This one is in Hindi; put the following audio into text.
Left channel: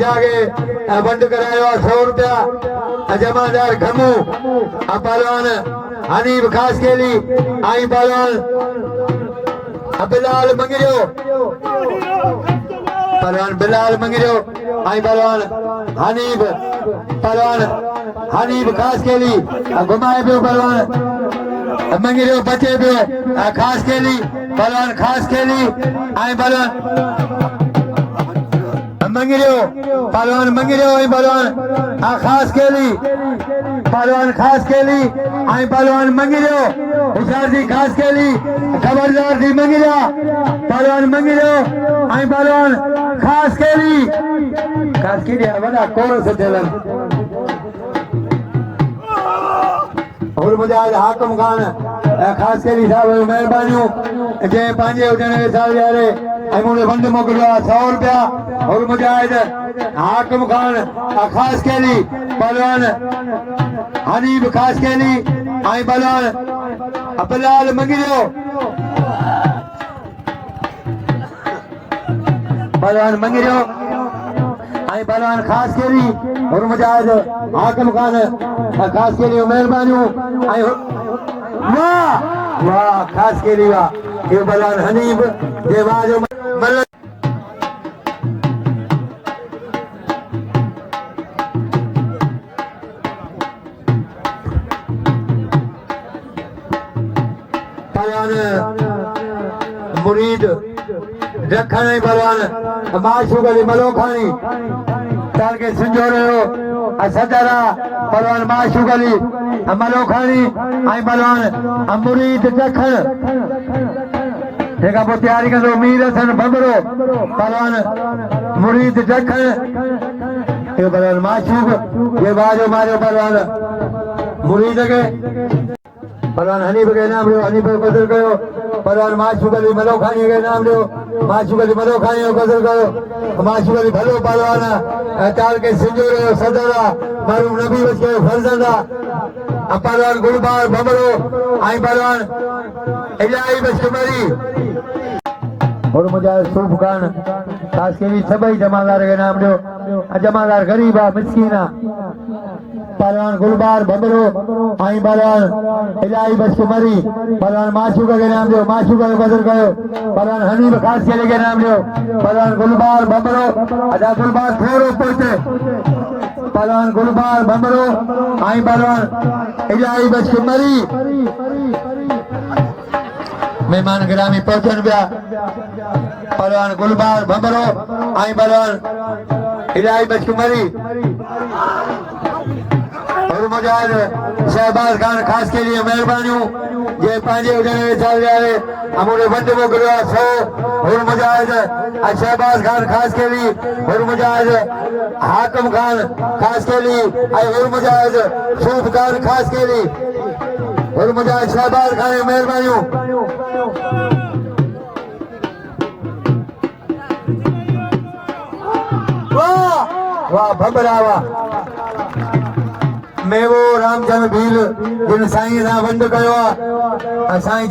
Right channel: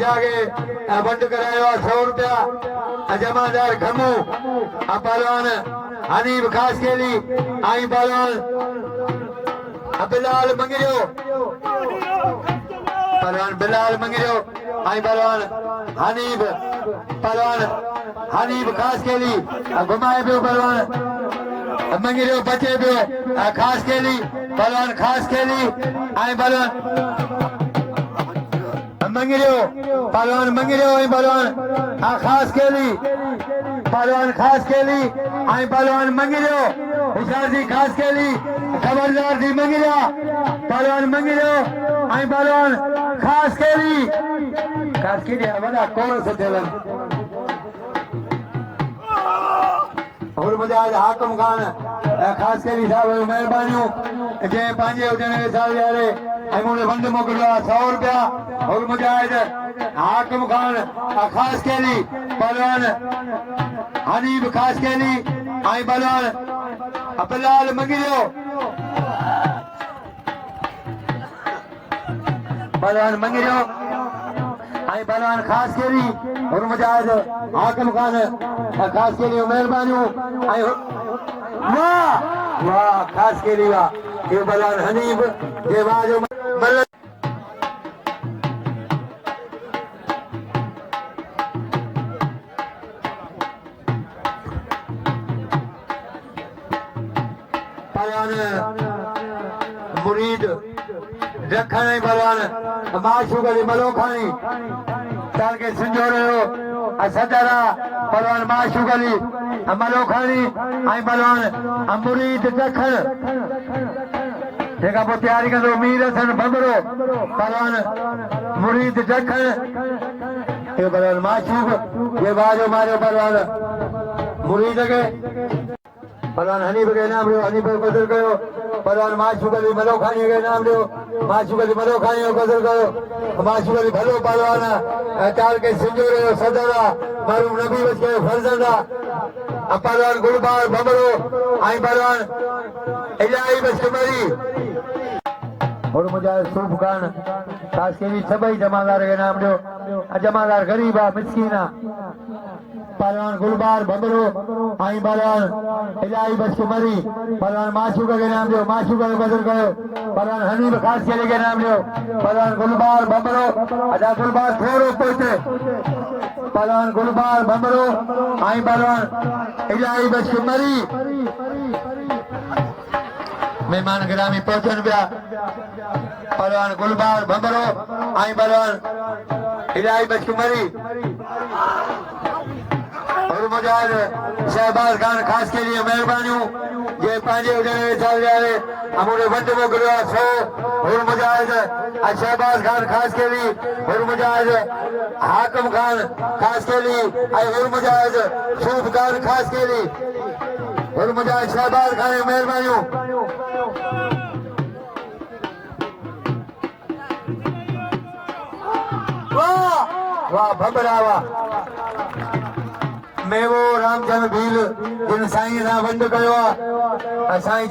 जागे बंद करायो 100 रुपया जमादार घमू पहलवान हनीफ खास केली आई पहलवान बिलाल मंगिरो पहलवान बिलाल मंगिरो आई पहलवान हनीफ खास केली घुमाए पियो पहलवान मंगिरो बचे पियो खास केली पहलवान खास केली आई पहलवान मंगिरो पहलवान मंगिरो आई पहलवान खास केली पहलवान खास केली आई पहलवान मंगिरो हुशार जी खास केली खबरदार जी मंगिरा पहलवान मंगिरो आई पहलवान खास केली वॾा कोण सुठेलन और मुजाहिद हाकिम खान खास केली साहब महिरबानियूं जे पंहिंजे हुजण साल यारे मुझे बंद मोकिलियो 100 रुपया और मुजाहिद हाकिम खान खास केली पहलवान हनीफ खास केली आई पहलवान बिलाल मंगिरो पहलवान मंगिरो आई पहलवान खास केली और मुजाहिद हाकिम खान खास केली महिरबानियूं आई वाह वाह खास केली वाह ये पहलवान हनीफ जे वाजो मुरीद रखण पहलवान माशूक अली मलोखानी ताल के संजोरो सदरा पहलवान माशूक अली मलोखानी आई पहलवान मुरीद रखण तेका पोइ तैयारी कंदो मीर हसन बबरो पहलवान मुरीद रखण ये पहलवान माशूक ये बाजो मारियो पहलवान मुरीद के पहलवान हनीफ के नाम लियो हनीफ को कदर कयो पहलवान माशूक अली मलोखानी के नाम लियो माशूक अली मलोखानी को कदर कयो माशूक अली भलो पहलवान ताल के सिंजोरे सदरा मरूम नबी बच के फरजंदा पहलवान गुलबार बमरो आई पहलवान इलाही बचकमरी और मुजाहिद सूफ खान खास केली सभई जमादार के नाम लियो जमादार गरीबा मिस्कीना पहलवान गुलबार बमरो आई पहलवान इलाही बचकमरी पहलवान माशूक के नाम लियो माशूक को कदर कयो पहलवान हनीफ खास केली के नाम लियो पहलवान गुलबार बमरो अदा गुलबार थोड़ो पहुंचे पहलवान गुलबार बमरो आई पहलवान इलाही बचकमरी मेहमान गिरामी पहुंचन पिया पहलवान गुलबार बमरो आई पहलवान इलाही बचकमरी और मुजाहिद शहबाज खान खास के लिए मेहरबानियों ये पंहिंजे हुजण साल यारे अमूले बंद मोकिलियो 100 और मुजाहिद शहबाज खान खास के लिए और मुजाहिद हाकिम खान खास के लिए और मुजाहिद सूफ खान खास के लिए और मुजाहिद शहबाज खान मेहरबानियों वाह वाह भबरा वाह मेवो रामचंद्र भील जिन साईं सां बंद कयो आहे साईं